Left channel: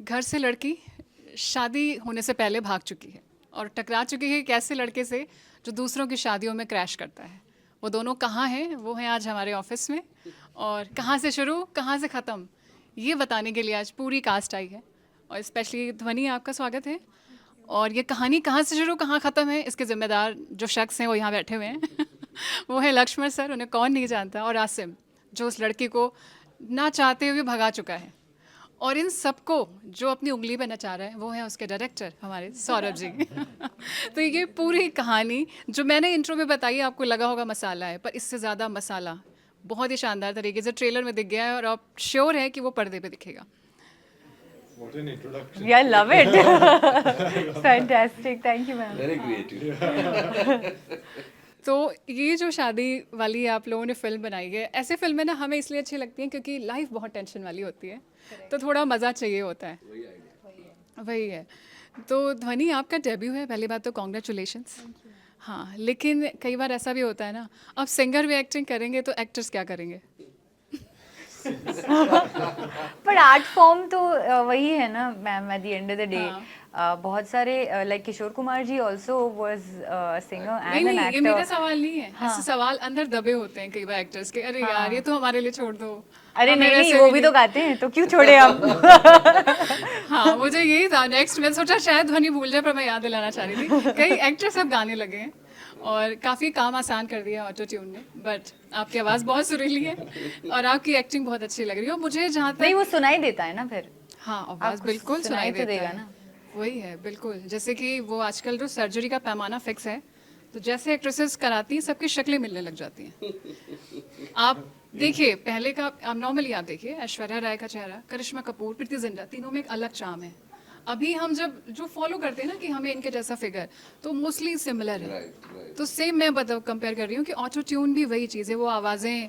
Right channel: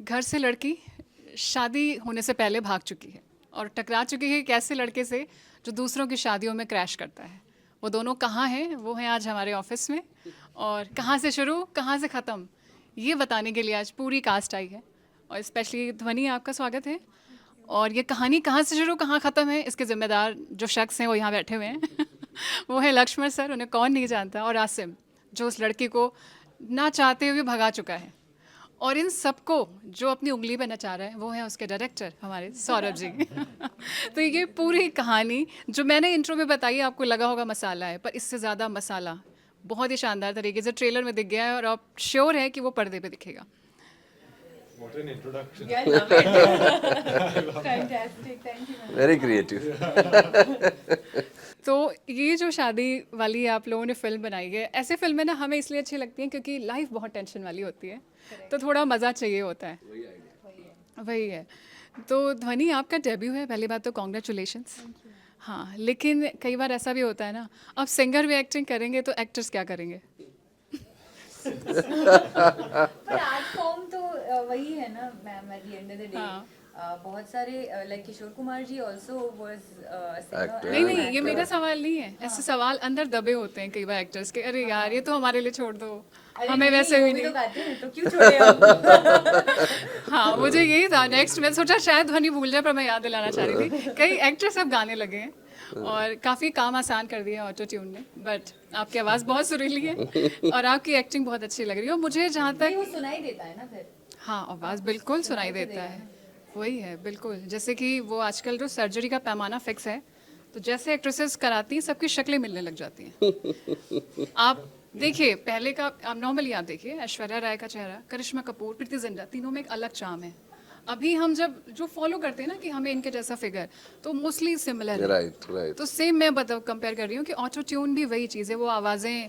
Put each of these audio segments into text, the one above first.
घर से लड़की शादी होने से पहले भाग चुकी है और टकरा चुकी है एक ऐसे लड़के से जो दूसरों की शादियों में क्रैश करता है। वो दोनों कहाँ हैं, वो हैं आज हमारे ऑफिस में। और कहाँ से शुरू कहाँ से ख़त्म, ये बताने के लिए आज पूरी कास्ट आई है। और स्पेशली ध्वनि, आपका स्वागत है। और ये कहानी कहाँ से शुरू कहाँ ख़त्म है, इसके ज़िम्मेदार जो शख्स हैं वो यहाँ बैठे हुए हैं वो है लक्ष्मण सर, उन्हें कौन नहीं जानता, और आसिम, जो उस लड़की को ना चाहते हुए भगा चुका है। और इन सबको जो अपनी उंगली पे नचा रहा है वो है उसके डायरेक्टर हमारे सौरभ जी तो ये पूरी कहानी जो मैंने इंट्रो में बताई, आपको लगा होगा मसाला है, पर इससे ज़्यादा मसाला बहुत ही शानदार तरीके से ट्रेलर में दिख गया है और आप श्योर है कि वो पर्दे पे दिखेगा। What an introduction. Yeah, love it. Fantastic. Thank you, ma'am. Very creative. तो ये जो शादी वाली आप लोगों ने फिल्म बनाई है, ऐसे फिल्में ना हमें इसलिए अच्छी लगती हैं क्योंकि लाइफ बहुत टेंशन वाली होती है, तो थोड़ा मज़ा चाहिए होता है। वही है। तो ध्वनि, आपका डेब्यू है, पहली बात तो कॉन्ग्रेचुलेशंस। हाँ, लेकिन कई बार ऐसा भी होता है ना, अब सिंगर भी एक्टिंग करेंगे तो एक्टर्स क्या करेंगे? पर आर्ट फॉर्म तो वही है ना ma'am, at the end of the day. बहुत सारे like Kishore Kumar ji also was singer. नहीं नहीं, ये मेरा सवाल नहीं है। ऐसे सवाल अंदर दबे होते हैं कई बार एक्टर्स के, अरे यार ये तो हमारे लिए छोड़ दो, अरे हमें नहीं, वैसे वो भी भी नहीं। तो गाते हैं तो क्यों छोड़े आप? हाँ, मुझे यही था नेक्स्ट, मैं सोचा शायद ध्वनि भूल जाए, पर मैं याद दिलाना चाह रही थी कई एक्टर्स अब गाने लगे हैं और काफ़ी काम आसान कर दिया ऑटो ट्यून ने। बट आपकी आवाज़ बहुत सुरीली है और आपकी एक्टिंग बहुत अच्छी लग रही है। और मुझे जहाँ नहीं, तक, वो सुनाई देता है ना फिर। हाँ, आवाज़ आपको बिल्कुल सुनाई सुनाई तो देता देगा है। ना। वही है, बिल्कुल। जैसे कि वो आजकल जो सर्जरी का पैमाना फिक्स है, तो जैसे एक्ट्रेसेस कराती हैं सबकी शक्लें मिलने लग जाती हैं। आप देखिए पहले का, अब नॉर्मली आप देखिए ऐश्वर्या राय का चेहरा, करिश्मा कपूर, प्रीति जिंटा, तीनों में एक अलग चार्म है। अभी हम जब जो फॉलो करते हैं ना कि हमें इनके जैसा फिगर, तो मोस्टली सिमिलर है। Right, right. तो सेम मैं बताओ कंपेयर कर रही हूँ कि ऑटो ट्यून भी वही चीज़ है। वो आवाज़ें,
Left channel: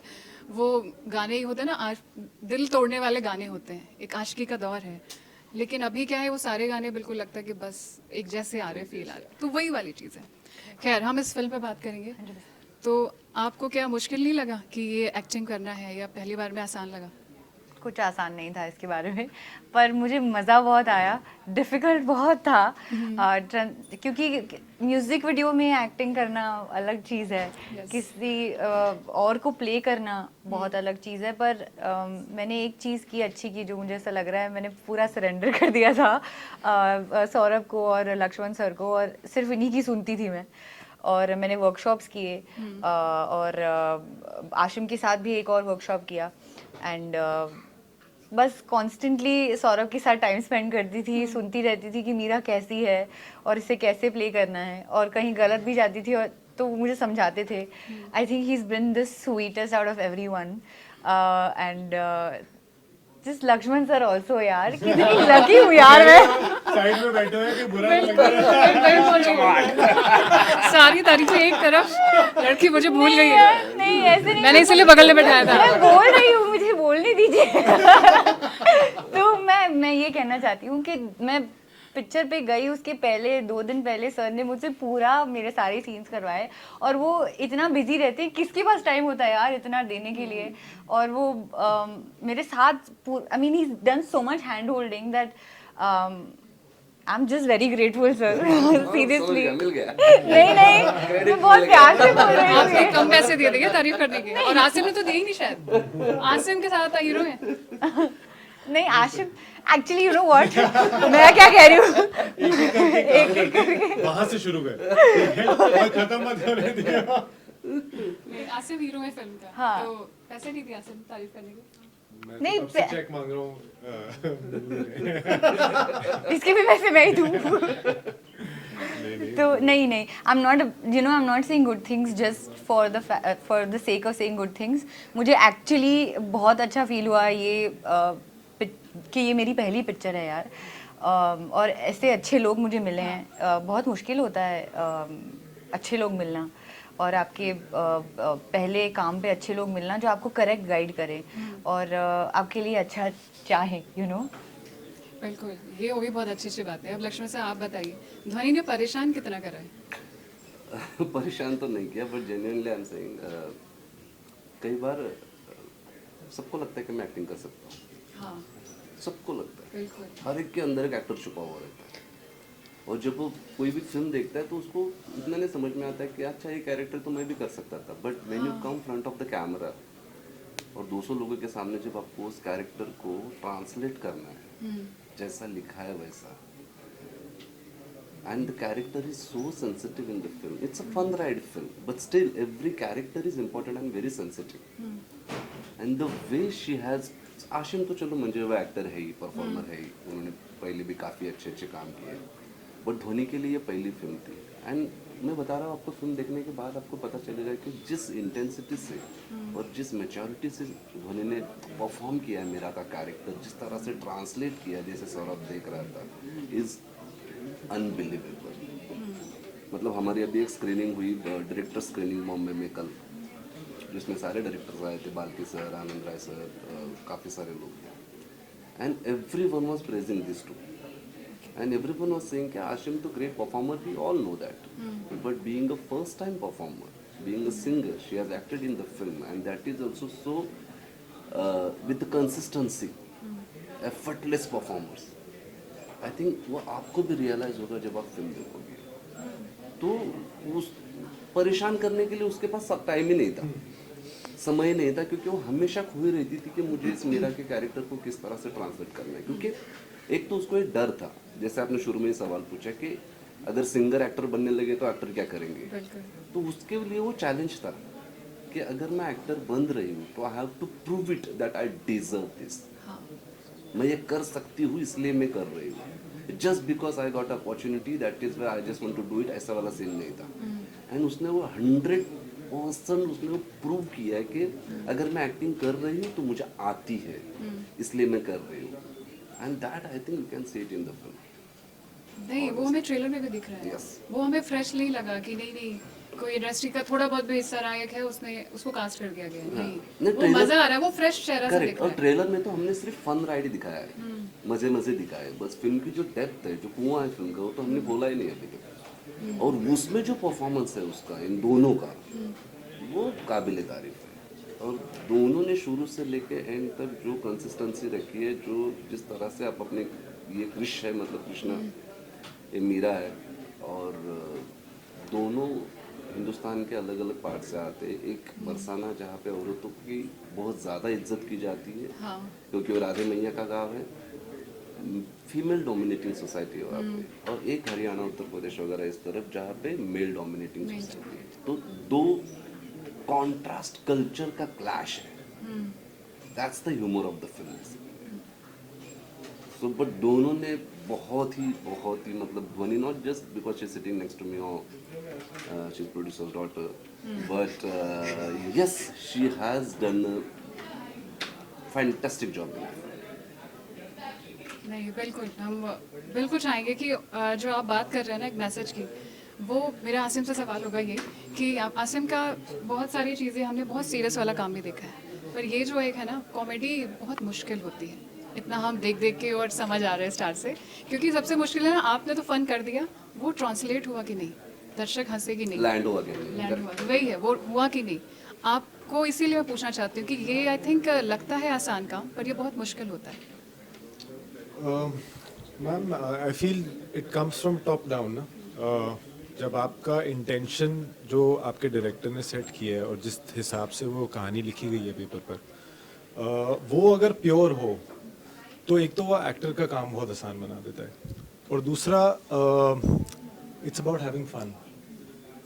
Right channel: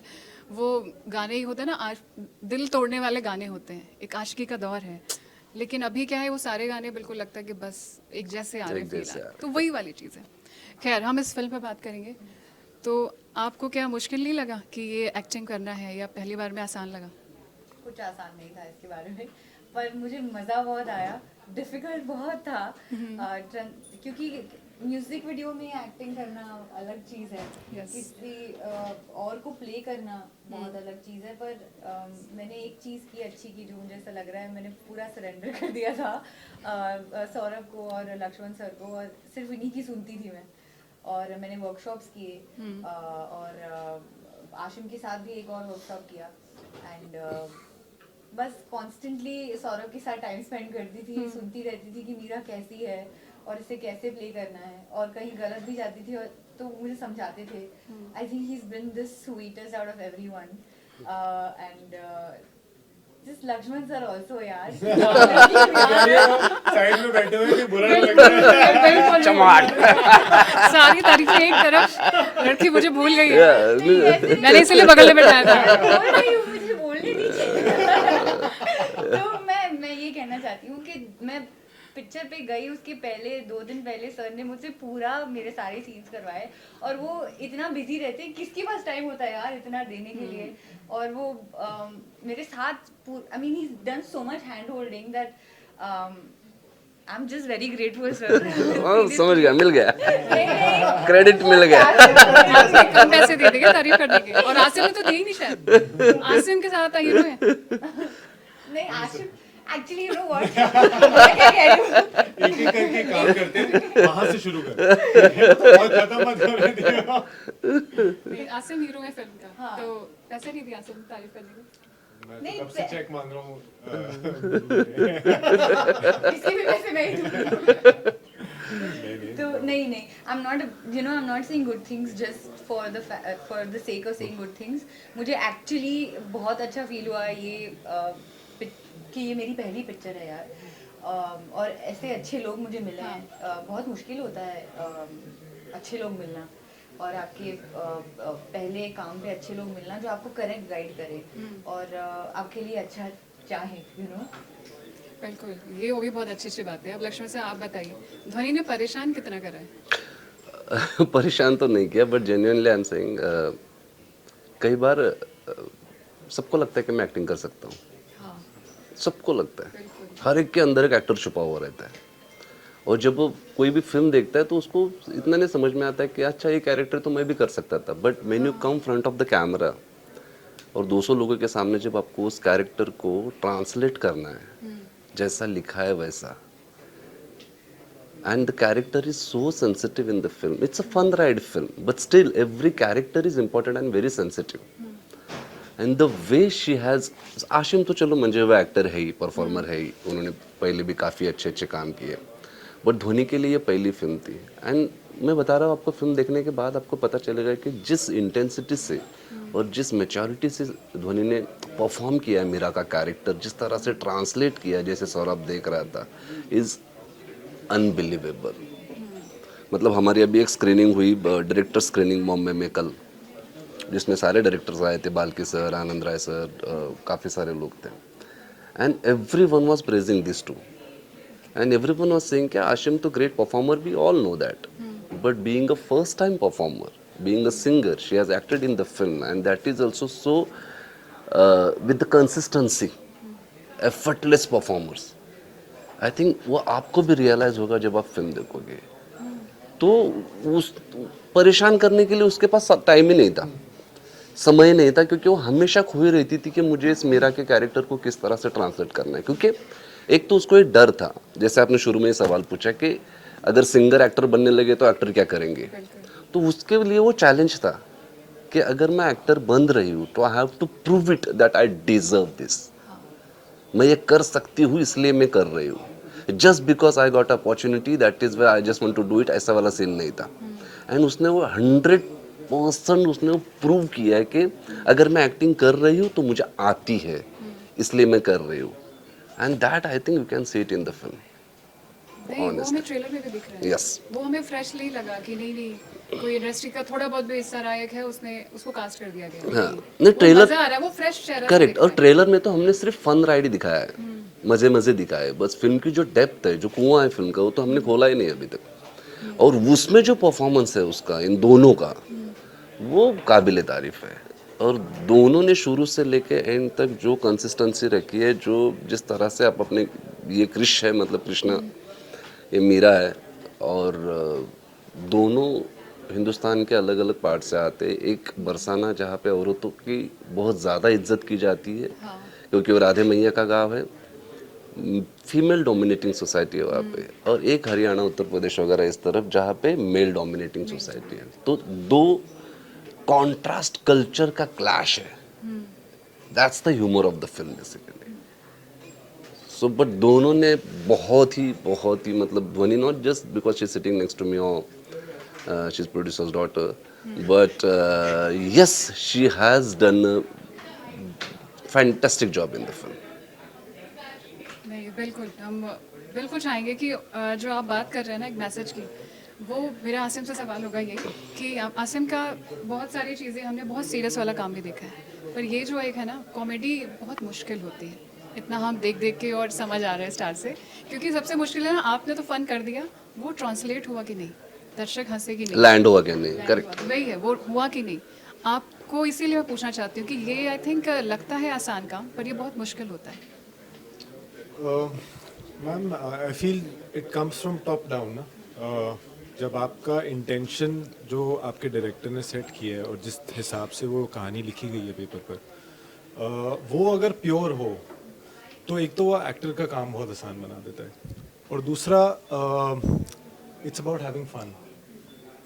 वो गाने ही होते हैं ना, आज दिल तोड़ने वाले गाने होते हैं, एक आशिकी का दौर है। लेकिन अभी क्या है, वो सारे गाने बिल्कुल लगता है कि बस एक जैसे आ रहे, फील आ रहे, तो वही वाली चीज़ है। खैर, हम इस फिल्म पे बात करेंगे। तो आपको क्या मुश्किल नहीं लगा कि ये एक्टिंग करना है, या पहली बार में आसान लगा? कुछ आसान नहीं था इसके बारे में, पर मुझे मज़ा बहुत आया। डिफ़िकल्ट बहुत था क्योंकि म्यूज़िक वीडियो में एक्टिंग करना अलग चीज़ है, Yes. किसी और को प्ले करना बहुत अलग चीज़ है। पर मैंने एक चीज़ की अच्छी की, जो मुझे ऐसा लग रहा है मैंने पूरा सरेंडर कर दिया था सौरभ को और लक्ष्मण सर को, और सिर्फ इन्हीं की सुनती थी मैं। और मैंने वर्कशॉप्स किए और आशिम के साथ भी एक और वर्कशॉप किया। एंड बस कॉन्स्टेंटली सौरभ के साथ टाइम स्पेंड करती थी, सुनती रहती थी कि मीरा कैसी है और इसे कैसे प्ले करना है, और कहीं गलत भी जाती थी और तो वो मुझे समझाते थे। I think he is been the sweetest out of everyone. And just Laxman sir also यार, कितनी लकी हूँ यार मैं। साइड में बैठे हुए कि बुरा नहीं लग रहा है। बिल्कुल, सारी तारीफें एक तरफ, लड़की मुझे भूल गई है। नहीं, ऐसे नहीं, मैंने इसीलिए बगल में बैठाया था। मैं बोल रही हूँ, मुझे बोलने दीजिए। तो मैं ये कहना चाहती हूँ कि मैं पिक्चर पे गई, उसके पहले 2 दिन पहले सर ने मुझसे पूरा मेरे सारे सीन्स करवाए, और वो इतना बिजी रहते हैं, किसके पास टाइम होता है यार इतना देने के लिए। और वो मेरे साथ, I mean he is done so much hand holding that I am just very grateful sir. हाँ, समझ गया, मिल गया। नहीं नहीं, Credit मिल गया। आपने कम पैसे दिए थे क्या तारीफ करने के? और आसिम ने तो दिए ही नहीं शायद। आसिम के साथ हीरो है। नहीं Ashif, actually you know what, मैं क्या कह रही हूँ, एक करके वहां से शुरू कर और खत्म मत होने दिया। नहीं, आसिम हीरो है फिल्म का। हाँ। तो पैसे नहीं दिए आसिम तारीफ करने के? मैं नहीं, तो कब से चेक मांग रहा हूँ। इसके भी पैसे मैं ही दूँ। तो नहीं नहीं, I am not, you know, I am not saying good things just for the sake of saying good things. मुझे एक्चुअली बहुत अच्छा फील हुआ ये कि ये मेरी पहली पिक्चर है यार, और ऐसे अच्छे लोग मुझे मिले हैं। बहुत मुश्किल होता है अच्छे लोग मिलना, और आपके पहले काम पे अच्छे लोग मिलना जो आपको करेक्ट गाइड करें और आपके लिए अच्छा चाहे, यू नो। बिल्कुल, ये होगी बहुत अच्छी बात है। अब लक्ष्मण से आप बताइए, ध्वनि ने परेशान कितना करा है? परेशान तो नहीं किया, but genuinely I am saying कई बार सबको लगता है कि मैं एक्टिंग कर सकता हूँ। हाँ, सबको लगता है, हर एक के अंदर एक एक्टर छुपा हुआ रहता है। और जब वो कोई भी फिल्म देखता है तो उसको इतना नहीं समझ में आता है कि अच्छा ये कैरेक्टर तो मैं भी कर सकता था, but when you come front of the camera और 200 लोगों के सामने जब आपको उस कैरेक्टर को ट्रांसलेट करना है जैसा लिखा है वैसा, and the character is so sensitive in the film. It's a fun ride film, but still every character is important and very sensitive. And the way she has, Ashim तो चलो मंजे हुआ एक्टर है ही, परफॉर्मर है ही, उन्होंने पहले भी काफ़ी अच्छे अच्छे काम किए, बट धोनी के लिए ये पहली फिल्म थी। एंड मैं बता रहा हूँ आपको, फिल्म देखने के बाद आपको पता चलेगा कि जिस इंटेंसिटी से और जिस मैच्योरिटी से धोनी ने परफॉर्म किया है मीरा का कैरेक्टर, जिस तरह से ट्रांसलेट किया जैसे सौरभ देख रहा था, इज़ अनबिलीवेबल। मतलब हमारी अभी एक स्क्रीनिंग हुई, डायरेक्टर स्क्रीनिंग बॉम्बे में कल, जिसमें सारे डायरेक्टर्स आए थे, बाल्की सर, आनंद राय सर, काफ़ी सारे लोग थे। And every one was praising this too, and every one was saying कि आशिम तो great performer, we all know that, but being a first time performer, being a singer, she has acted in the film and that is also so with the consistency, effortless performers. I think वो आपको भी realise होगा जब आप film देखोगे, तो उस परेशान करने के लिए उसके पास टाइम ही नहीं था, समय नहीं था, क्योंकि वो हमेशा खोई रहती थी कि मुझे इस मीरा के कैरेक्टर को किस तरह से ट्रांसलेट करना है। क्योंकि एक तो उसको एक डर था, जैसे आपने शुरू में ही सवाल पूछा कि अगर सिंगर एक्टर बनने लगे तो एक्टर क्या करेंगे, तो उसके लिए वो चैलेंज था कि अगर मैं एक्टर बन रही हूँ तो I have to prove it that I deserve this, मैं ये कर सकती हूँ इसलिए मैं कर रही हूँ, just because I got opportunity that is I just want to do it, ऐसा वाला सीन नहीं था। एंड उसने वो 100% उसने वो प्रूव किया है कि अगर मैं एक्टिंग कर रही हूँ तो मुझे आती है, इसलिए मैं कर रही हूँ। And that I think you can see it in the film. नहीं, वो हमें ट्रेलर में भी दिख रहा है। Yes. वो हमें फ्रेश नहीं लगा कि नहीं कोई इंडस्ट्री का थोड़ा बहुत भी हिस्सा नायक है, उसने उसको कास्ट कर दिया गया। नहीं, वो ट्रेलर मजा आ रहा है, वो फ्रेश चेहरा से करेक्ट। दिख और रहा है। ट्रेलर में तो हमने सिर्फ फन राइड ही दिखाया है, मजे मजे दिखाए, बस फिल्म की जो डेप्थ है, जो कुआं है फिल्म का, वो तो हमने खोला ही नहीं अभी तक। और उसमें जो परफॉर्मेंस है उसका, इन दोनों का, वो काबिले तारीफ है। और दोनों ने शुरू से लेके एंड तक जो कंसिस्टेंसी रखी है, जो जिस तरह से आप अपने, ये कृष है, मतलब कृष्णा, ये मीरा है, और दोनों हिंदुस्तान के अलग अलग पार्ट से आते हैं। एक बरसाना जहाँ पे औरतों की बहुत ज़्यादा इज्जत की जाती है, क्योंकि वो राधे मैया का गांव है, फीमेल डोमिनेटिंग सोसाइटी है वहाँ पे, और एक हरियाणा, उत्तर प्रदेश वगैरह इस तरफ जहाँ पे मेल डोमिनेटिंग सोसाइटी है। तो दो कॉन्ट्रास्ट कल्चर का क्लैश है, that's the humour of the film basically. So but दोनों ने बहुत ही मतलब, Dhvani not just because she is sitting next to me और she is producer's daughter, but yes, she has done fantastic job in the film. नहीं, बिल्कुल, हम बिल्कुल चाहेंगे कि जो आप बात कर रहे हैं ना एक मैसेज की, वो मेरा आसिम से सवाल होगा ये कि आसिम का बहुत सारी चीज़ें, हमने बहुत सीरियस वाला काम भी देखा है, पर ये जो एक है ना कॉमेडी, बहुत मुश्किल होती है। इतना हम देख देख के और समझ आ रहे हैं स्टार से, क्योंकि सबसे मुश्किल है ना, आपने तो फन कर दिया, वो ट्रांसलेट हुआ कि नहीं, दर्शक हंसे कि नहीं, लैंड हुआ क्या नहीं, लैंड करेक्ट। हुआ, वही है, वो हुआ कि नहीं। आपको इसीलिए मैं पूछना चाहती हूँ कि ये आई थिंक लगता है आसान काम, पर ये बहुत मुश्किल होता है। Ma'am, I feel it comes from top down ना। जब आपका इंटेंशन जो आपके डायरेक्टर ने सेट किया है और जिस हिसाब से वो कहानी लिखी गई है पेपर पर, वो अगर प्योर हो तो एक तो वो एक्टर का काम बहुत आसान बना देता है, और दूसरा इट्स अबाउट हैविंग फन।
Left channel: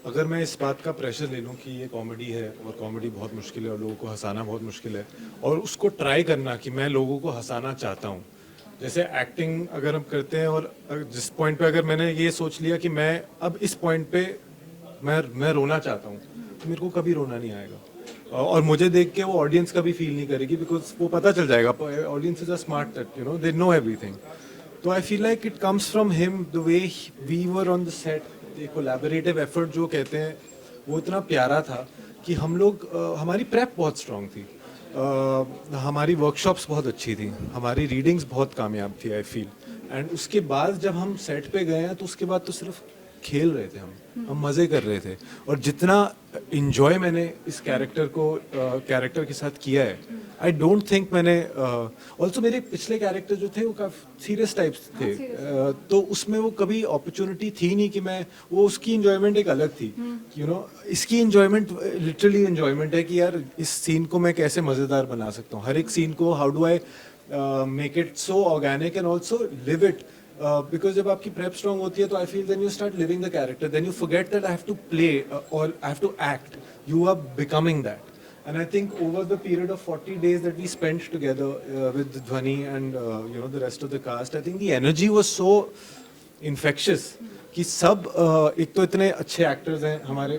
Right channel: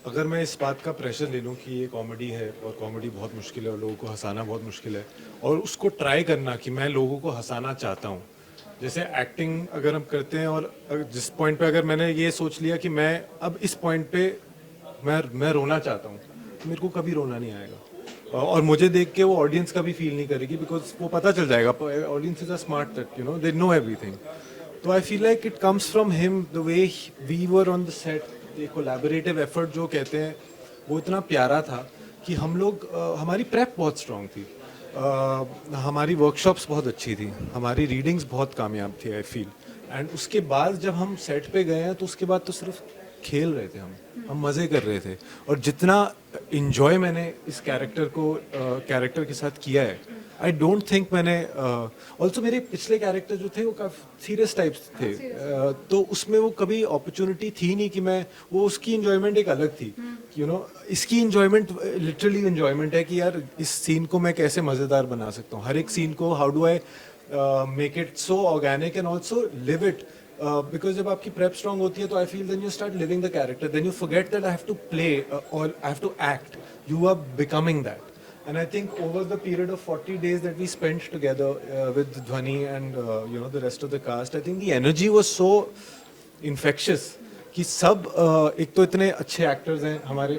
अगर मैं इस बात का प्रेशर ले लूँ कि ये कॉमेडी है और कॉमेडी बहुत मुश्किल है और लोगों को हंसाना बहुत मुश्किल है, और उसको ट्राई करना कि मैं लोगों को हंसाना चाहता हूँ, जैसे एक्टिंग अगर हम करते हैं, और जिस पॉइंट पे अगर मैंने ये सोच लिया कि मैं अब इस पॉइंट पे मैं रोना चाहता हूँ, तो मेरे को कभी रोना नहीं आएगा, और मुझे देख के वो ऑडियंस का भी फील नहीं करेगी, बिकॉज वो पता चल जाएगा, audience is a smart that you know they know everything. तो I feel like it comes from him, the way we were on the set, the collaborative effort जो कहते हैं, वो इतना प्यारा था कि हम लोग, हमारी प्रेप बहुत स्ट्रांग थी, हमारी वर्कशॉप्स बहुत अच्छी थी, हमारी रीडिंग्स बहुत कामयाब थी, आई फील। एंड उसके बाद जब हम सेट पे गए हैं तो उसके बाद तो सिर्फ खेल रहे थे, हम मज़े कर रहे थे, और जितना इन्जॉय मैंने इस कैरेक्टर के साथ किया है, आई डोंट थिंक मैंने ऑल्सो मेरे पिछले कैरेक्टर जो थे वो काफ़ी सीरियस टाइप्स थे, तो उसमें वो कभी अपॉर्चुनिटी थी नहीं कि मैं वो, उसकी इन्जॉयमेंट एक अलग थी, यू नो। इसकी इन्जॉयमेंट लिटरली इन्जॉयमेंट है कि यार इस सीन को मैं कैसे मज़ेदार बना सकता हूँ, हर एक सीन को how do I make it so organic and also live it, because जब आपकी प्रेप स्ट्रांग होती है तो I feel then you start living the character, then you forget that I have to play और I have to act, you are becoming that. And I think over the period of 40 days that we spent together with Dhwani and you know the rest of the cast, I think the energy was so infectious कि सब एक तो इतने अच्छे actors हैं हमारे,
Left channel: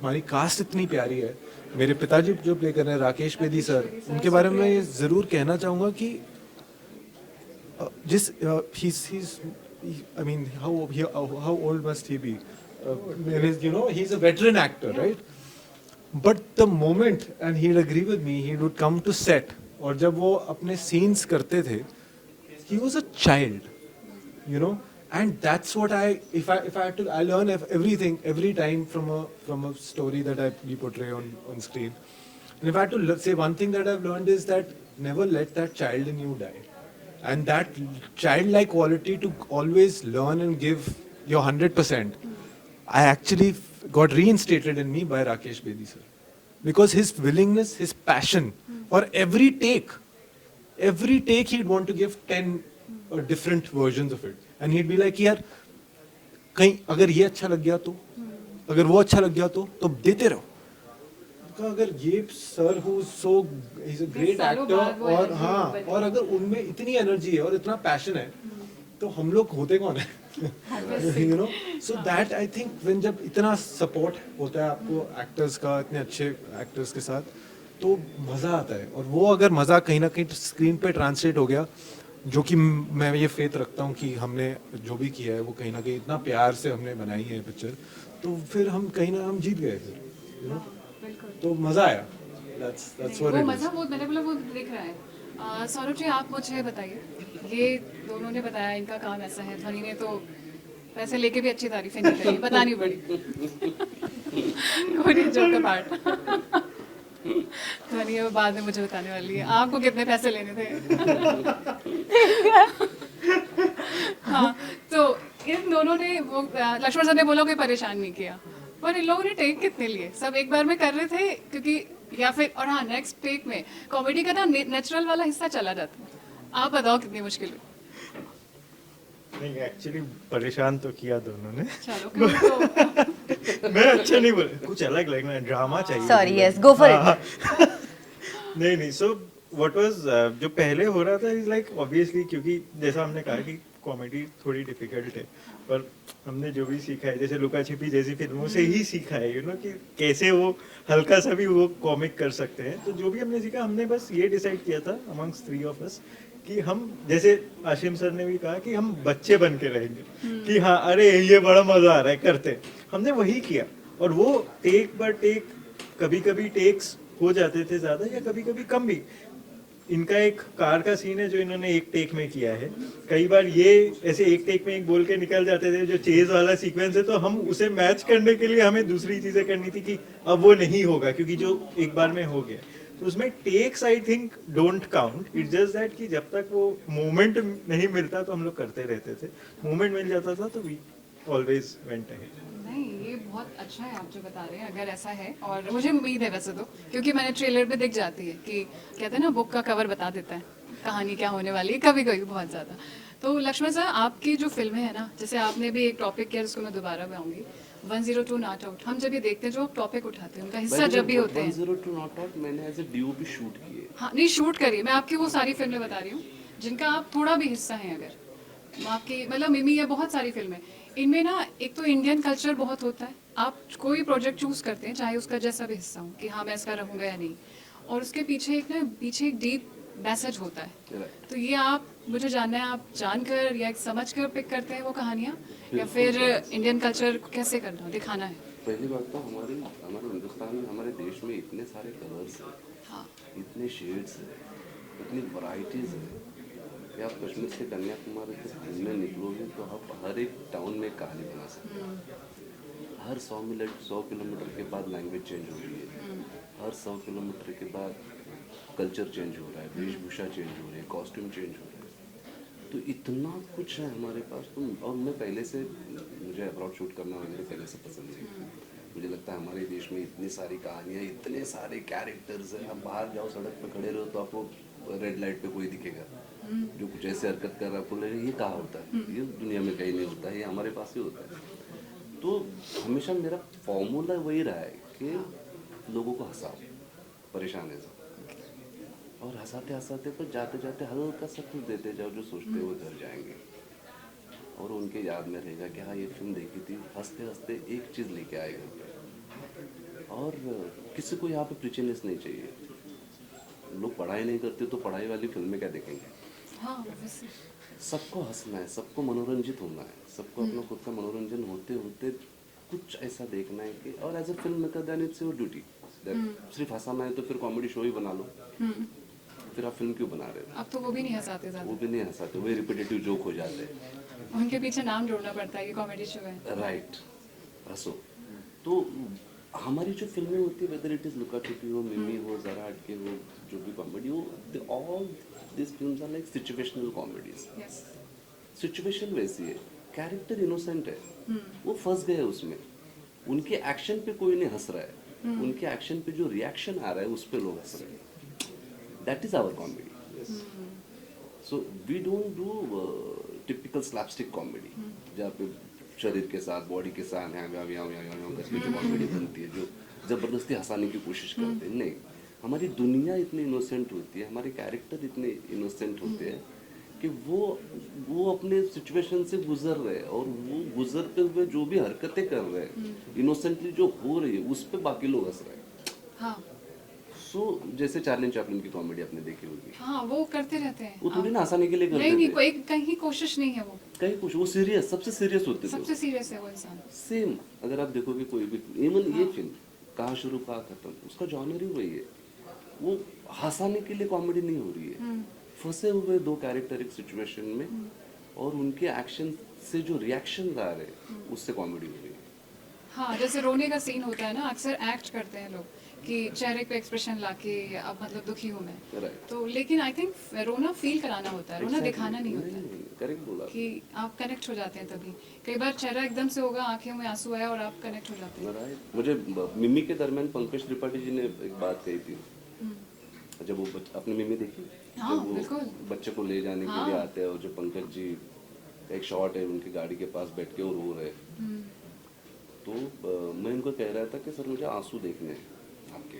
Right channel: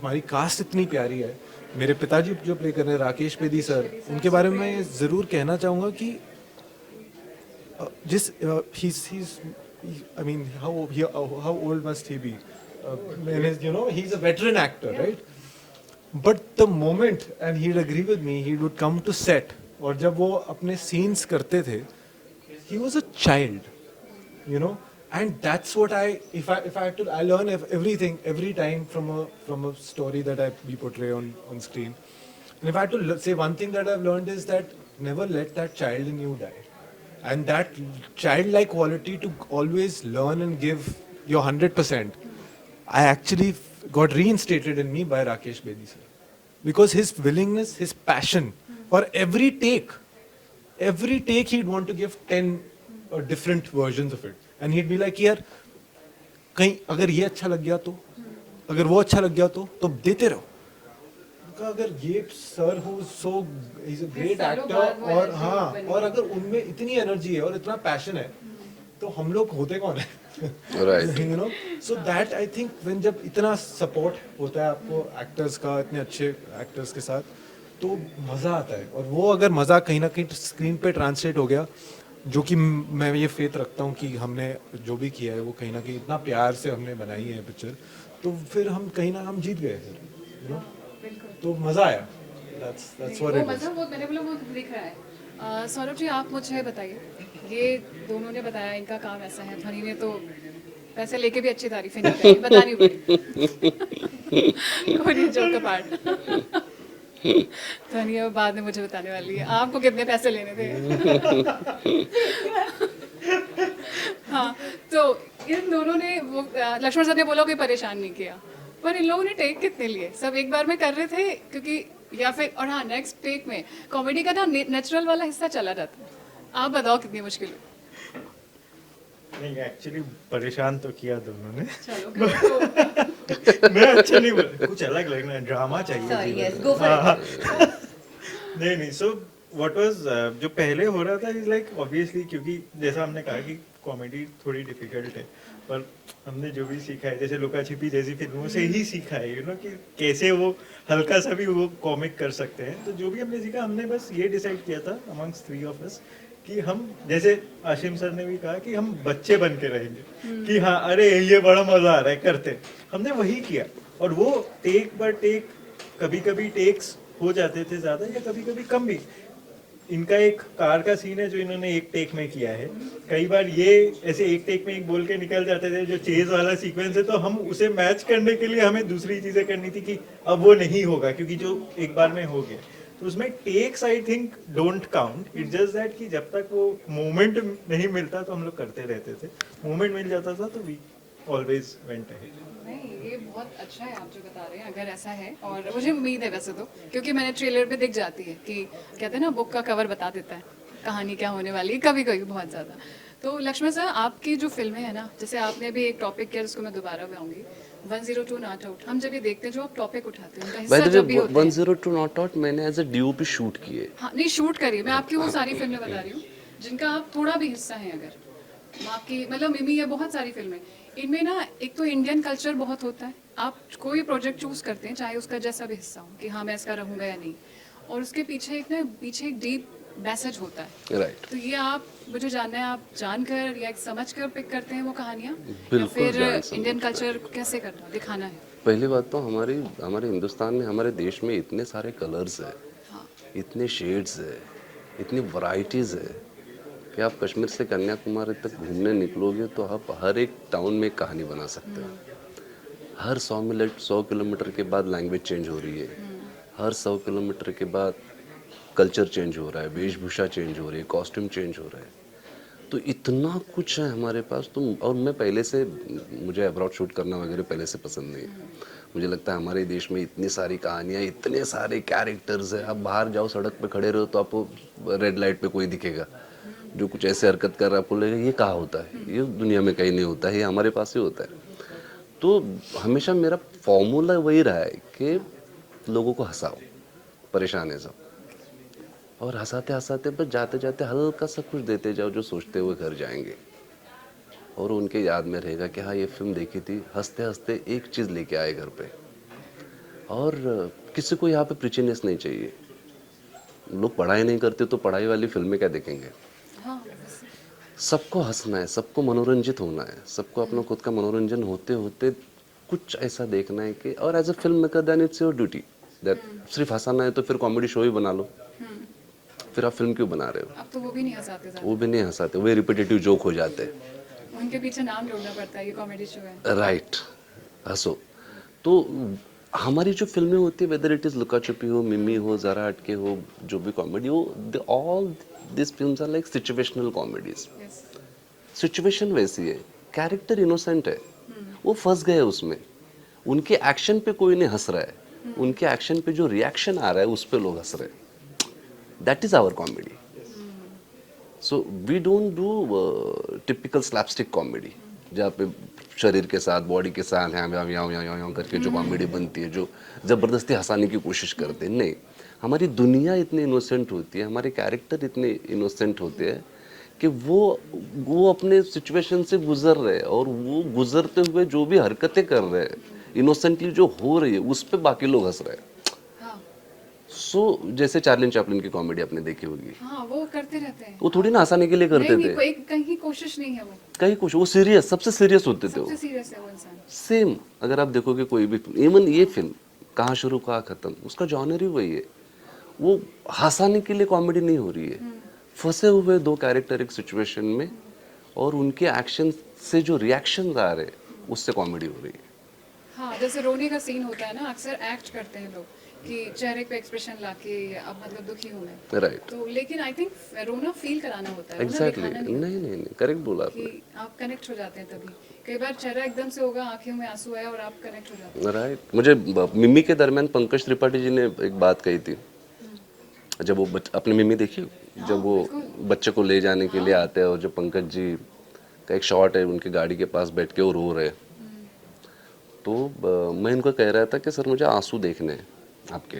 हमारी cast इतनी प्यारी है। मेरे पिताजी जो प्ले कर रहे हैं राकेश बेदी सर, उनके बारे में ये ज़रूर कहना चाहूँगा कि जिस he's I mean how old must he be? You know, he's a veteran actor, right? But the moment, and he'd agree with me, he would come to set, और जब वो अपने scenes करते थे, he was a child, you know, and that's what if I had to, I learn everything every time from a story that we portray on screen. And if I had to say one thing that I've learned is that never let that child in you die, and that childlike quality to always learn and give your 100%. I actually got reinstated in me by Rakesh Bedi sir, because his willingness, his passion for every take he'd want to give 10 different versions of it, and he'd be like, यार कहीं अगर ये अच्छा लग गया तो, अगर वो अच्छा लग गया तो देते रहो। अगर ये सर हो so he is a great actor, और हाँ, और अगर उनमें इतनी एनर्जी है और इतना पैशन है तो हम लोग होते कौन है? Right. You know, so that I think when जब इतना सपोर्ट होता है आपको एक्टर्स का, इतने अच्छे एक्टर्स के साथ, तो मज़ा आता है। और वो अगर मज़ा कहीं ना कहीं स्क्रीन पे ट्रांसलेट हो गया, जो कि मैं ये फेथ रखता हूँ कि हमने जो भी किया है वो कहीं ना कहीं इतना प्यार से हमने बनाई है पिक्चर, तो फिर हम कहीं ना हम जीत गए फिर, you know, तो मज़ा आया। That's what it was. वो मैंने बोला वो दिख रहा है। सौरभ जी आप मुझे बताइए, ये दोनों ने बताया इनका काम ऐसा है, ध्वनि ने तो पैसे लेके भी अच्छी तारीफें नहीं करी, बतानी पड़ी। कोई नहीं, जोक का पार्ट। ध्वनि अब बाद में मुझे बताने वाली है आपको कितने पैसे लेने थे। हाँ, तो इन दोनों ने वो लक्ष्मण सर ने बोला कोई परेशान नहीं किया, पर इन लोगों ने टेक कितने लिए? सब एक बार में कर रहे थे क्योंकि, या फिर, और हाँ नेक्स्ट टेक में कॉमेडी का ना नेचुरल वाला हिस्सा चला जाता है। आप बताओ कितनी मुश्किल हुई? नहीं, एक्चुअली परेशान तो किया दोनों ने। तो मैं अच्छा नहीं बोला, कुछ अलग लगना, ड्रामा चाहिए। Sorry, yes, go for it. नहीं, सो व्हाट वाज जो पहले हो रहा था इज लाइक ऑब्वियसली, क्योंकि जैसा हमने कहा कि कॉमेडी थोड़ी डिफिकल्ट है, पर हमने जो भी सीखा है, जैसे लुका छिपी जैसी फिल्मों से ही सीखा है, यू नो, कि कैसे वो हल्का सा भी वो कॉमिक कर सकते हैं। तो जो भी हमने सीखा, हमने बस ये डिसाइड किया था अमंग्स 3 ऑफ अस कि हम, जैसे आशिम सर ने भी कहा कि हम बच्चे बन के रहेंगे, कि हाँ अरे ये बड़ा मजा आ रहा है करते, हमने वही किया। और वो टेक बाय टेक, कभी कभी टेक्स हो जाते थे ज़्यादा या कभी कभी कम भी। इनका एक कार का सीन है जो इन्होंने एक टेक में किया है, कई बार ये ऐसे एक टेक में एक बोल के निकल जाते थे। जो चेज वाला सीक्वेंस है तो हम उसे मैच करने के लिए हमें दूसरी चीज़ें करनी थी कि अब वो नहीं होगा क्योंकि जो एक बार में हो गया। तो उसमें takes I think don't count, it's just that कि जब तक वो मोमेंट नहीं मिलता तो हम लोग करते रहते थे, मोमेंट मिल जाता था तो वी ऑलवेज वेंट अहेड। नहीं, ये बहुत अच्छा है आप जो बता रहे हैं, अगर ऐसा है। और मुझे उम्मीद है वैसे तो, क्योंकि मैंने ट्रेलर पे दिख जाती है कि कहते हैं ना बुक का कवर बता देता है कहानी क्या होने वाली है, कभी कभी बहुत ज़्यादा। तो लक्ष्मण सर, आपकी जो फिल्में हैं ना, जैसे आपने भी एक टॉपिक किया जिसको मैं दोबारा भी आऊँगी, 102 नॉट आउट, हम जब ये देखते हैं जो आप टॉपिक उठाते हैं उनका हिस्सा जब भी होते हैं। 102 नॉट आउट मैंने एज अ डीओपी शूट किए। हाँ नहीं, शूट करिए, मैं आपकी वो सारी फिल्में बता रही हूँ जिनका आप थोड़ा भी हिस्सा हैं। अगर आपकी, मतलब मिमी है, बहुत सारी फिल्में, इनमें ना एक तो इंडियन कल्चर बहुत होता है। आप कोई प्रोजेक्ट चूज करते हैं, चाहे उसका जैसा भी हिस्सा हो, कि हाँ मैं इसका रहूँगा या नहीं, और उसके पीछे एक डीप मैसेज होता है। राइट। तो ये आप, मुझे जानना है, आप जानकर या समझ कर पिक करते हैं वो कहानियाँ, या बिल्कुल फिर जान समझ। इंडियन कल्चर को कैसे करना, दिखाना है? पहली बात तो हमारे हिंदुस्तान में, हमारे देश में इतने सारे कलर्स है, हाँ, इतने शेड्स है, इतनी वैरायटीज है कि आप कश्मीर से कन्याकुमारी तक घूमने निकलोगे तो आप हर एक टाउन में एक कहानी बना सकते हो। हर 100 किलोमीटर के बाद लैंग्वेज चेंज हो रही है, हर 100 किलोमीटर के बाद कल्चर चेंज हो रहा है, वेशभूषा चेंज हो रही है, कॉस्ट्यूम चेंज हो रहा है, तो इतना कुछ है हमारे पास। तो और मैं पहले से, मुझे अब्रॉड शूट करना वगैरह पहले से पसंद नहीं है। मुझे लगता है हमारे देश में इतनी सारी कहानियाँ, इतने सारे कैरेक्टर्स हैं, आप बाहर जाओ सड़क पे खड़े रहो तो आपको रेड लाइट पे कोई दिखेगा जो कुछ ऐसे हरकत कर रहा है, आपको लगेगा ये कहाँ होता है, ये दुनिया में कहीं नहीं होता है, ये हमारे पास ही होता है। तो हमेशा मेरा फॉर्मूला वही रहा है कि लोगों को हंसाओ, परेशान है जाओ, और हंसाते हंसाते बस जाते जाते हल्का सा कुछ देते जाओ जो सोचते हुए घर जाएंगे, और उनके याद में रहेगा कि हाँ ये फिल्म देखी थी, हंसते हंसते एक चीज़ लेके आए घर पे। और किसी को यहाँ पे प्रिचीनेस नहीं चाहिए। लोग पढ़ाई नहीं करते तो पढ़ाई वाली फिल्में क्या देखेंगे? हाँ obviously। सबको हंसना है, सबको मनोरंजित होना है, सबको अपना खुद का मनोरंजन होते होते कुछ ऐसा देखना है कि, और as a film maker then it's your duty that सिर्फ हंसाना है तो फिर कॉमेडी शो ही बना लो, फिर आप फिल्म क्यों बना रहे हो? अब तो वो भी नहीं हंसाते ज़्यादा, वो भी नहीं हंसाते, वो रिपीटेटिव जोक हो जाते हैं। उनके पीछे नाम जोड़ना पड़ता है, ये कॉमेडी शो है। राइट, हंसो। तो हमारी जो फिल्में होती है, वेदर इट इज लुका छुपी हो, मिमी हो, जरा हटके हो, जो भी कॉमेडी हो, all this films are like situational comedies. Yes. Situation वैसी है, कैरेक्टर इनोसेंट है, वो फंस गए उसमें, उनके एक्शन पे कोई नहीं हंस रहा है, उनके एक्शन पे जो रिएक्शन आ रहा है उस पे लोग हंस रहे हैं। That is our comedy. So we don't do typical slapstick comedy जहाँ पे शरीर के साथ, बॉडी के साथ यहाँ करके जो कॉमेडी बनती है, जो ज़बरदस्ती हंसाने की कोशिश करते हैं। नहीं, हमारी दुनिया इतनी इनोसेंट होती है, हमारे कैरेक्टर इतने इनोसेंट होते हैं कि वो अपने सिचुएशन से गुजर रहे हैं, और वो गुजरते हुए जो भी हरकतें कर रहे हैं, इनोसेंटली जो हो रही है, उस पर बाकी लोग हंस रहे हैं। हाँ सो जैसे चार्लिन चैपलिन की कॉमेडी आपने देखी होगी, हाँ, वो करते रहते हैं। वो थोड़ी ना हंसाने के लिए नहीं करते नहीं, थे, कोई कहीं कोशिश नहीं है वो, कहीं कुछ, वो सीरियस, सबसे सीरियस होते थे वो। सबसे सीरियस है वो इंसान। सेम अगर आप देखोगे कोई भी, इवन ये फिल्म कहाँ शुरू कहाँ खत्म, उसका जॉनर ही वही है। वो हंसाने के लिए कॉमेडी नहीं हो रही है, फंसे हुए दो कैरेक्टर एक सिचुएशन में, और उनके एक्शन से जो रिएक्शन आ रहे हैं उससे कॉमेडी हो रही है। हाँ, जैसे रोने का सीन होता है ना, अक्सर एक्ट करते हैं लोग कि चेहरे पे एक्सप्रेशन लाके अब मतलब दुखी हूँ मैं, राइट, तो लेकिन आई थिंक रोना फील कराना होता है, रोना एग्जैक्टली, दिखाना नहीं होता नहीं, करेक्ट बोला आपने। कि आप कनेक्ट हो जाते हैं तभी। कई बार चेहरा एकदम से होगा, आंखें में आंसू है और आप कनेक्ट हो जाते हैं। राइट, मुझे मिमी के दरमियान पंकज त्रिपाठी जी ने एक बात कही थी, जब वो अपनी मिमी देखी, जब वो बच्चे को ले जाने के लिए आते हैं, और जो पंकज जी का एक शॉट है उनकी गाड़ी के पास बैठ के वो रो रहे हैं, तो मैं इनको कह रहा था कि सर मुझे आंसू देखने हैं आपके,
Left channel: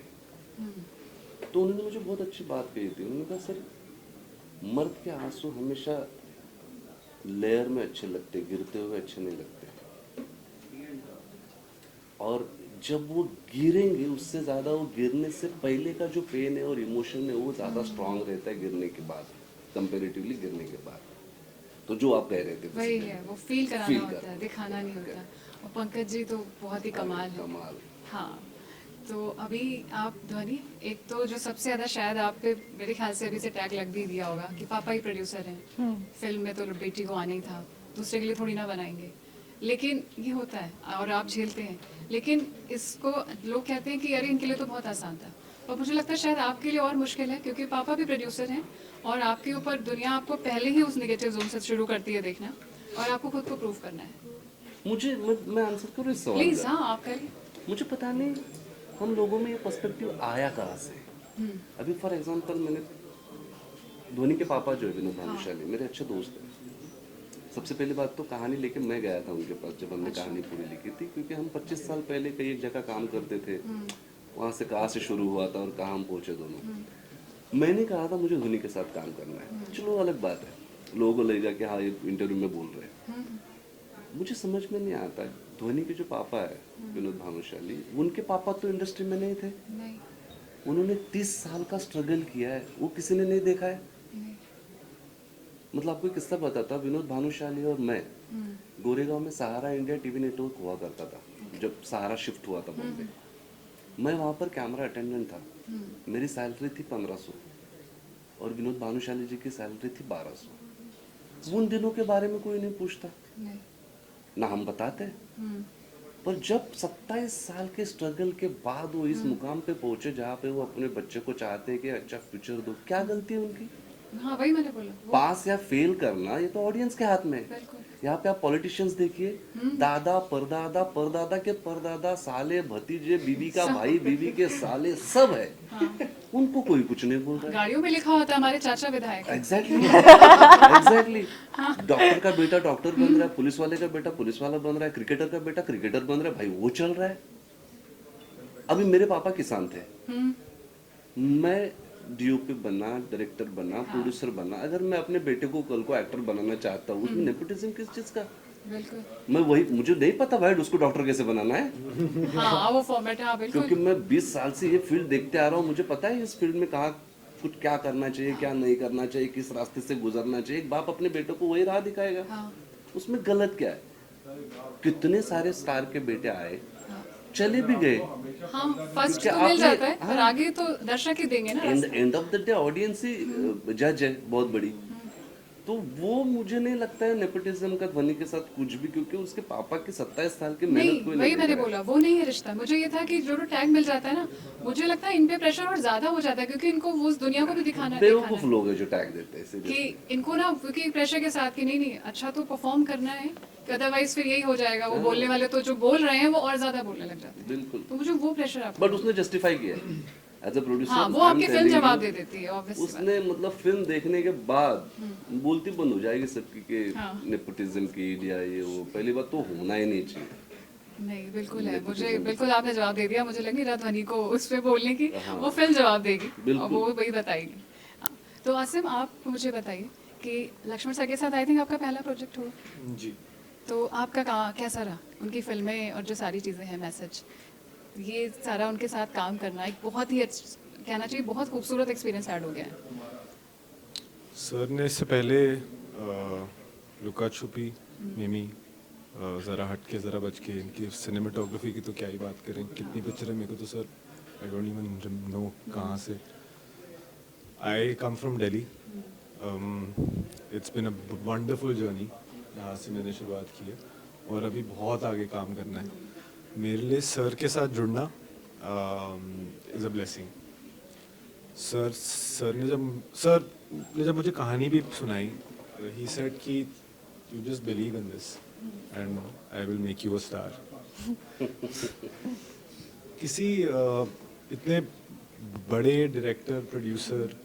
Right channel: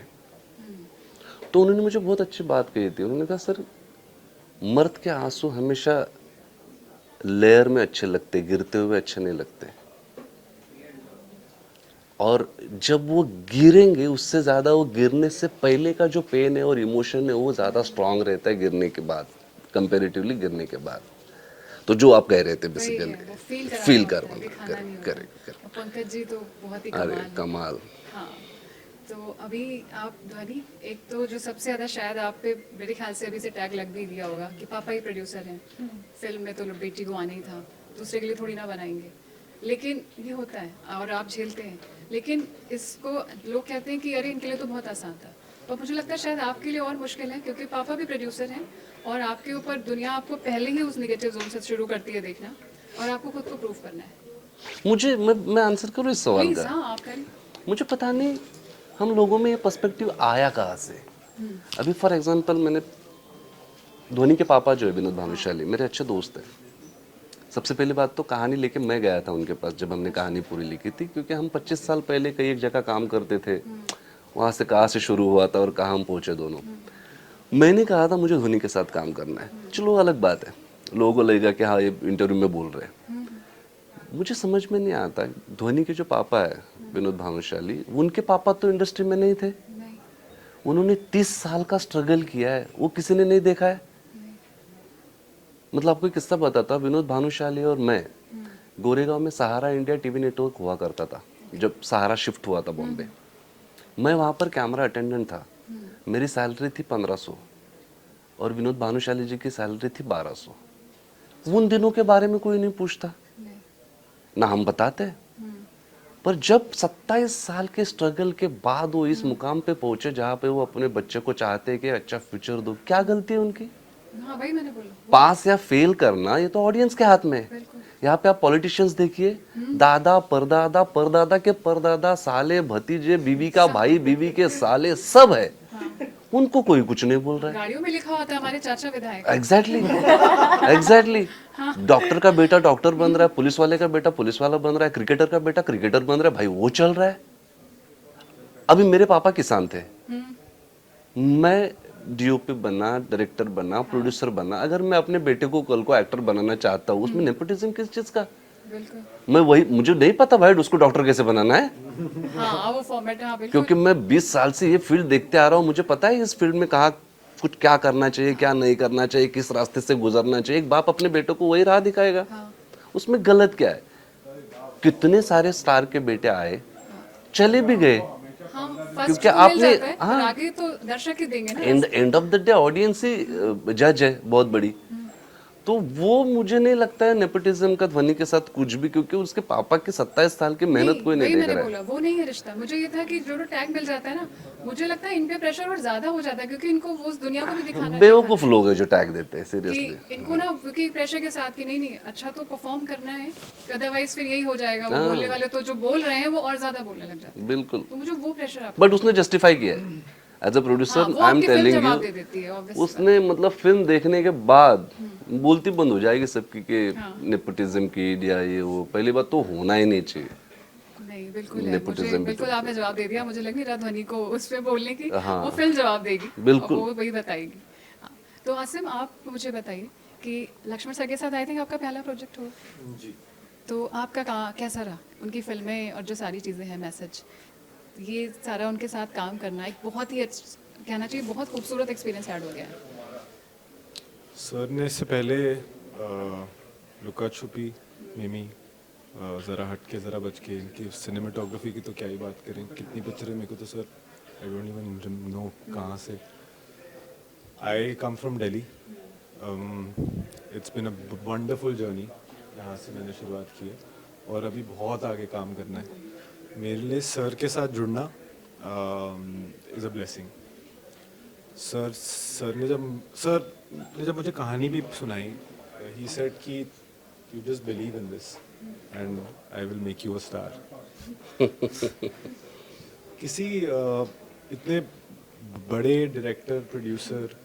तो उन्होंने मुझे बहुत अच्छी बात कही थी। उन्होंने कहा सर मर्द के आंसू हमेशा लेयर में अच्छे लगते, गिरते हुए अच्छे नहीं लगते, और जब वो गिरेंगे उससे ज़्यादा वो गिरने से पहले का जो पेन है और इमोशन है वो ज़्यादा स्ट्रांग रहता है गिरने के बाद, कंपैरेटिवली गिरने के बाद। तो जो आप कह रहे थे वही है, बेसिकली वो फील कराना फील होता करना है, दिखाना नहीं होता। करेक्ट, और पंकज जी तो बहुत ही अरे कमाल है। कमाल। हाँ, तो अभी आप ध्वनि, एक तो जो सबसे ज़्यादा शायद आप पे मेरे ख्याल से अभी से टैग लग भी दिया होगा कि पापा ही प्रोड्यूसर हैं, फिल्म में तो बेटी को आना ही था, दूसरे के लिए थोड़ी ना बनाएंगे, लेकिन ये होता है और आप झेलते हैं। लेकिन इसको लोग कहते हैं कि अरे इनके लिए तो बहुत आसान था, और मुझे लगता है शायद आपके लिए और मुश्किल है, क्योंकि पापा भी प्रोड्यूसर हैं और आपके ऊपर दुनिया आपको पहले ही उस नेगेटिव जोन से शुरू करती है देखना, और आपको खुद को प्रूव करना है। मुझे मैं आंसर करूँ इस सवाल प्लीज़, का? हाँ आप करिए। मुझे पता नहीं हम लोगों में ये पर्सपेक्टिव आया कहाँ से। अभी फॉर एग्जांपल मैंने, धोनी के पापा जो है विनोद भानुशाली मेरे अच्छे दोस्त हैं। सबसे पहली बात तो कहानी लेके मैं गया था उनके पास जब हमने कहानी पूरी लिखी थी, क्योंकि हम 25 साल पहले कई एक जगह काम करते थे, वहाँ से कहाँ से शुरू हुआ था और कहाँ हम पहुँचे दोनों। मैंने कहा था मुझे धोनी के साथ काम करना है, चलो अलग बात है, लोगों को लगेगा कि हाँ ये इंटरव्यू में बोल रहे हैं। मुझे समझ में नहीं आता, धोनी के जो पापा है विनोद भानुशाली, उनके पापा तो इंडस्ट्री में नहीं थे, नहीं, उन्होंने 30 साल का स्ट्रगल किया है, वो किसी ने नहीं देखा है। नहीं। मतलब आपको एक किस्सा बताता, विनोद भानुशाली और मैं गोरेगांव में सहारा इंडिया टीवी नेटवर्क हुआ करता था, जब सहारा शिफ्ट हुआ था बॉम्बे, मैं वहाँ पर कैमरा अटेंडेंट था, मेरी सैलरी थी 1500 और विनोद भानुशाली जी की सैलरी थी 1200। उन दिनों के बारे में कोई नहीं पूछता, नहीं। ना हम बताते, पर जब 27 साल के स्ट्रगल के बाद वो इस मुकाम पे पहुंचे जहाँ पे वो अपने बच्चे को चाहते हैं कि अच्छा फ्यूचर दो, क्या गलती है उनकी? हाँ वही मैंने बोला। पास या फेल करना ये तो ऑडियंस के हाथ में है। बिल्कुल। यहाँ पे आप पॉलिटिशियंस देखिए, दादा परदादा परदादा के परदादा, साले भतीजे, बीवी का भाई, बीवी के साले, सब है। उनको कोई कुछ नहीं बोल रहा है। गाड़ियों में लिखा होता है हमारे चाचा विधायक। Exactly exactly. डॉक्टर का बेटा डॉक्टर बन रहा है, पुलिस वाले का बेटा पुलिस वाला बन रहा है, क्रिकेटर का बेटा क्रिकेटर बन रहा है, भाई वो चल रहा है। अभी मेरे पापा किसान थे, मैं डीओपी बना, डायरेक्टर बना, प्रोड्यूसर बना। अगर मैं अपने बेटे को कल को एक्टर बनाना चाहता हूँ, उसमें नेपोटिज्म किस चीज का? बिल्कुल। मैं वही, मुझे नहीं पता भाई उसको डॉक्टर कैसे बनाना है, हाँ वो फॉर्मेट, हाँ बिल्कुल। क्योंकि मैं 20 साल से ये फील्ड देखते आ रहा हूँ। मुझे पता है इस फील्ड में कहाँ कुछ क्या करना चाहिए, क्या नहीं करना चाहिए, किस रास्ते से गुजरना चाहिए। एक बाप अपने बेटों को वही राह दिखाएगा। उसमें गलत क्या है? कितने सारे स्टार के बेटे आए, चले भी गए। हाँ फर्स्ट क्योंकि तो मिल आपने- जाता है, पर आगे तो दर्शक ही देंगे ना। End of the day audience ही जज है बहुत बड़ी। तो वो मुझे नहीं लगता है नेपोटिज्म का ध्वनि के साथ कुछ भी, क्योंकि उसके पापा की 27 साल की मेहनत कोई वही नहीं देख मैंने रहा है। बोला, वो नहीं है रिश्ता। मुझे ये था कि जो टैग मिल जाता है ना, मुझे लगता है इन पे प्रेशर और ज्यादा हो जाता है, क्योंकि इनको वो उस दुनिया को भी दिखाना बेवकूफ लोग हैं जो टैग देते हैं, कि सीरियसली। इनको ना, क्योंकि प्रेशर के साथ कि नहीं अच्छा तो परफॉर्म करना है, अदरवाइज फिर यही हो जाएगा। वो बोलने वाले तो जो बोल रहे हैं वो और ज्यादा बोलने लग जाते हैं। बिल्कुल। तो मुझे वो प्रेशर आप, बट उसने जस्टिफाई किया है एज अ प्रोड्यूसर। हाँ वो आई एम आपकी फिल्म टेलिंग जवाब दे यू, देती है ऑब्वियसली। उसने मतलब फिल्म देखने के बाद बोलती बंद हो जाएगी सबकी कि नेपोटिज्म की या ये वो। पहली बात तो होना ही नहीं चाहिए। नहीं बिल्कुल है, मुझे बिल्कुल आपने जवाब दे दिया। मुझे लग नहीं रहा ध्वनि को उस पे बोलने की, वो फिल्म जवाब देगी और वो वही बताएगी। हाँ, तो आसिम आप मुझे बताइए कि लक्ष्मण सर के साथ आई थिंक आपका पहला प्रोजेक्ट हुआ जी। तो आपका कैसा रहा? उनकी फिल्में और जो सारी चीज़ें हैं, मैसेज, ये सारा उनके साथ काम करना एक बहुत ही कहना चाहिए बहुत खूबसूरत एक्सपीरियंस ऐड हो गया है। सर ने इससे पहले लुका छुपी, मिमी, ज़रा हट के ज़रा बच के, इनकी सिनेमाटोग्राफी की तो क्या ही बात करें। कितनी पिक्चरें मेरे को तो sir I don't even know कहाँ से। I come from Delhi. It's been a wonderful journey. यहाँ से मैंने शुरुआत की है और अभी बहुत आगे काम करना है। मेरे लिए सर के साथ जुड़ना इज़ अ ब्लेसिंग। सर ने जब मुझे कहानी भी सुनाई, ही सेड कि you just believe in this and I will make you a star. किसी इतने बड़े director, producer,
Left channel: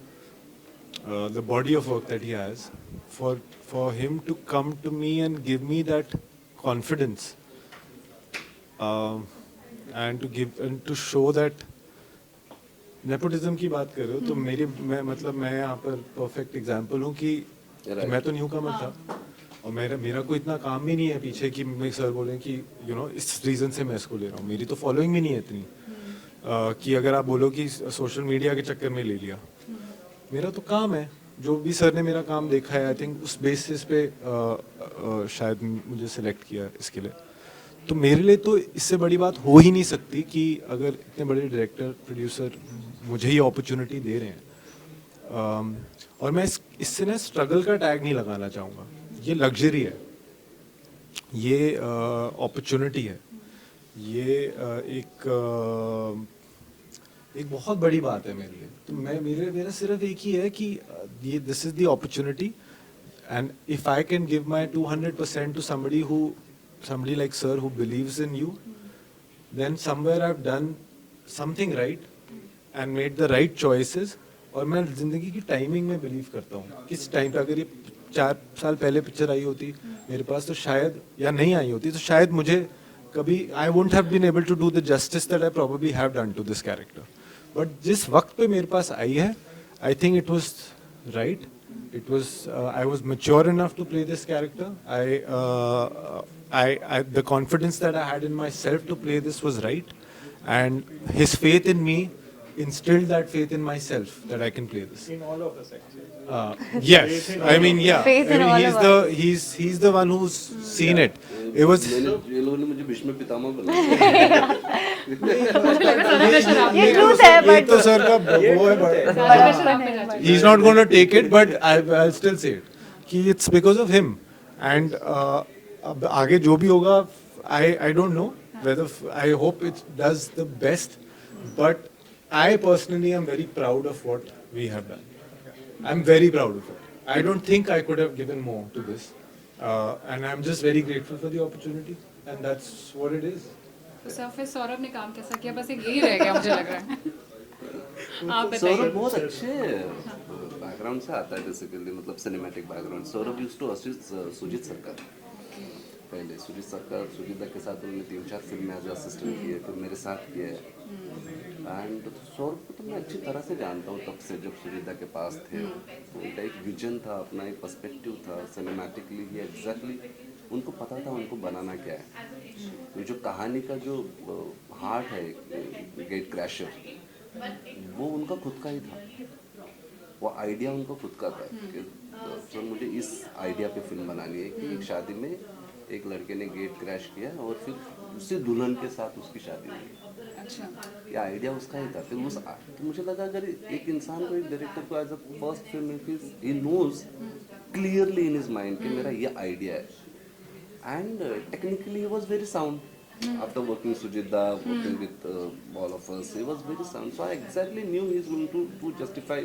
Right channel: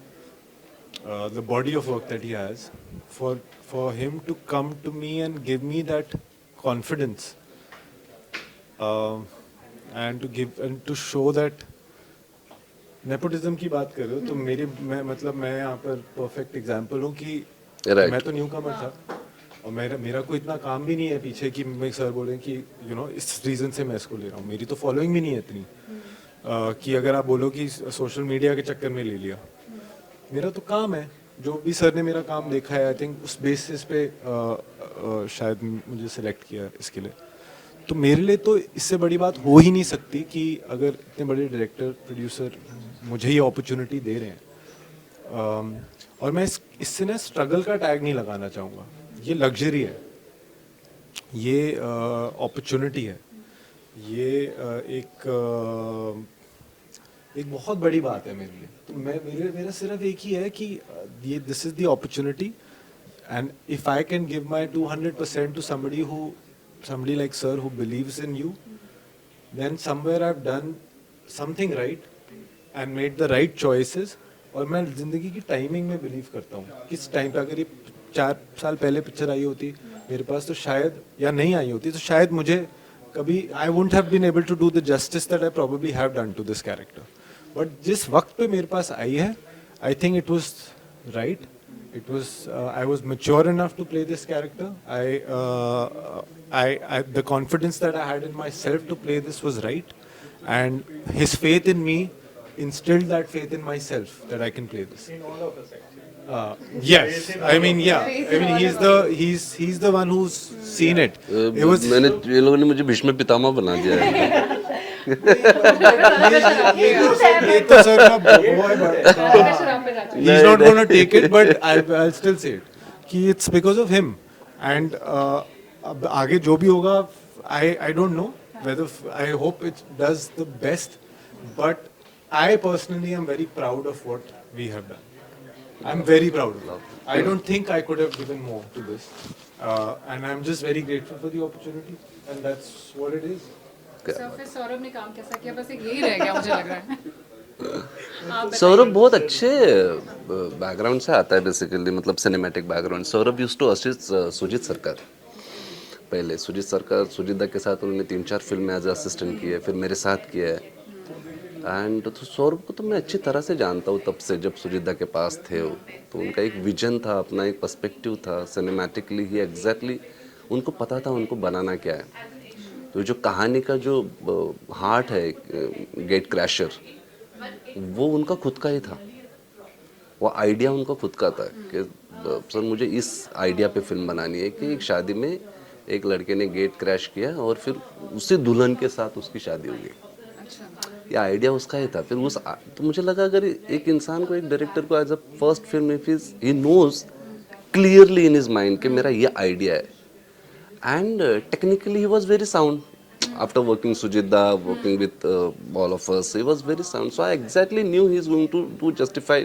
the body of work that he has, for him to come to me and give me that confidence, and to show that nepotism की बात कर रहे हो तो मैं यहाँ पर परफेक्ट एग्जांपल हूँ कि Right. मैं तो न्यू कमर था और मेरा कोई इतना काम भी नहीं है पीछे कि मैं सर बोले कि इस रीज़न से मैं इसको ले रहा हूँ। मेरी तो फॉलोइंग भी नहीं है इतनी कि अगर आप बोलो कि सोशल मीडिया के चक्कर में ले लिया। मेरा तो काम है, जो भी सर ने मेरा काम देखा है, आई थिंक उस बेसिस पे शायद मुझे सिलेक्ट किया इसके लिए। तो मेरे लिए तो इससे बड़ी बात हो ही नहीं सकती कि अगर इतने बड़े डायरेक्टर, प्रोड्यूसर मुझे ये अपॉर्चुनिटी दे रहे हैं। और मैं इससे ना स्ट्रगल का टैग नहीं लगाना चाहूँगा। ये लग्जरी है, ये अपॉर्चुनिटी है, ये एक बहुत बड़ी बात है मेरे लिए। तो मेरा सिर्फ एक ही है कि ये this is the opportunity and if I can give my 200% to somebody like sir who believes in you, then somewhere I've done something right and made the right choices। और मैं जिंदगी की टाइमिंग में बिलीव करता हूँ। किस time पे अगर ये 4 साल पहले पिक्चर आई होती मेरे पास तो शायद, या नहीं आई होती तो शायद मुझे कभी I wouldn't have been able to do the justice that I probably have done to this character. But जिस वक्त पे मेरे पास आई है, I think it was right. It was I was mature enough to play this character. The confidence that I had in myself to play this was right, and his faith in me instilled that faith in myself that I can play this. In all of us actually. Yes, I mean Faith in all of he's the one who's seen it. It was ये लोगों ने मुझे भीष्म पितामह बना दिया है। ये तो sir का वो है, he's not going to take it, but I'll still say it कि it's because of him and अब आगे जो भी होगा I don't know, I hope it does the best, but I personally am very proud of what we have done. I'm very proud of it. I don't think I could have given more to this, and I'm just very grateful for the opportunity, and that's what it is. फिर सौरभ ने काम कैसा किया, बस एक यही रह गया मुझे लग रहा है। सौरभ बहुत अच्छे बैकग्राउंड से आता है बेसिकली, मतलब cinematic background. Saurabh used to assist Sujit Sarkar पहले। सुजीत दा के साथ उन्होंने 3-4 फिल्म एज असिस्टेंट की है, फिर मेरे साथ किया है। एंड तो सौरभ को तो मैं अच्छी तरह से जानता हूँ तब से, जब सुजीत दा के पास थे वो। तो उनका एक विजन था, अपना एक पर्सपेक्टिव था सिनेमैटिकली ही एग्जैक्टली। उनको पता था उनको बनाना क्या है। तो जो कहानी का जो हार्ट है गेट क्रैशर, वो उनका खुद का ही था। वो आइडिया उनका खुद का था कि सर मुझे इस आइडिया पे फिल्म बनानी है कि एक शादी में एक लड़के ने गेट क्रैश किया और फिर उसी दुल्हन के साथ उसकी शादी हो गई। अच्छा, ये आइडिया उसका ही था। फिर तो मुझे लगा अगर एक इंसान को, एक डायरेक्टर को as a first film, if he knows clearly in his mind कि मेरा ये आइडिया है, and technically he was very sound. After working Sujitda, working with all of us, he was very sound. So I exactly knew he's going to justify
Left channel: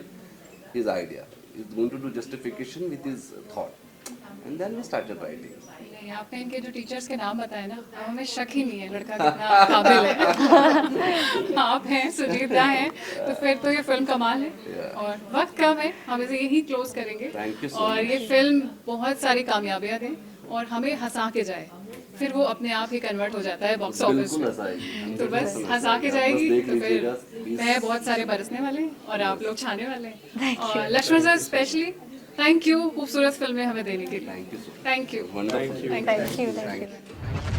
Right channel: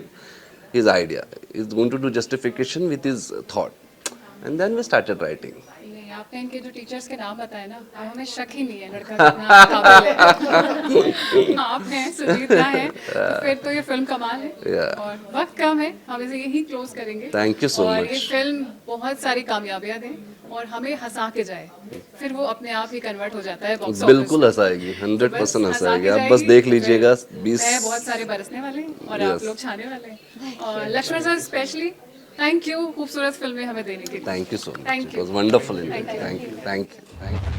his idea. He's going to do justification with his thought. And then we started writing. नहीं, आपने इनके जो teachers के नाम बताए ना, अब हमें शक ही नहीं है लड़का कितना काबिल है। आप हैं, सुजीता हैं, तो फिर तो ये फिल्म कमाल है। Yeah. और वक्त कम है, हम इसे यही क्लोज करेंगे। Thank you so और much. ये फिल्म बहुत सारी कामयाबियां दे और हमें हंसा के जाए, फिर वो अपने आप ही कन्वर्ट हो जाता है बॉक्स ऑफिस। बिल्कुल हंसाएगी, 100% हंसा हंसाएगी। के आप जाएगी, बस देख तो लीजिएगा। फिर 20 है बहुत सारे बरसने वाले हैं और आप लोग छाने वाले हैं। और Laxman sir specially thank you खूबसूरत फिल्में हमें देने के लिए। Thank you so much. Thank you. It was wonderful. Thank you. Thank you.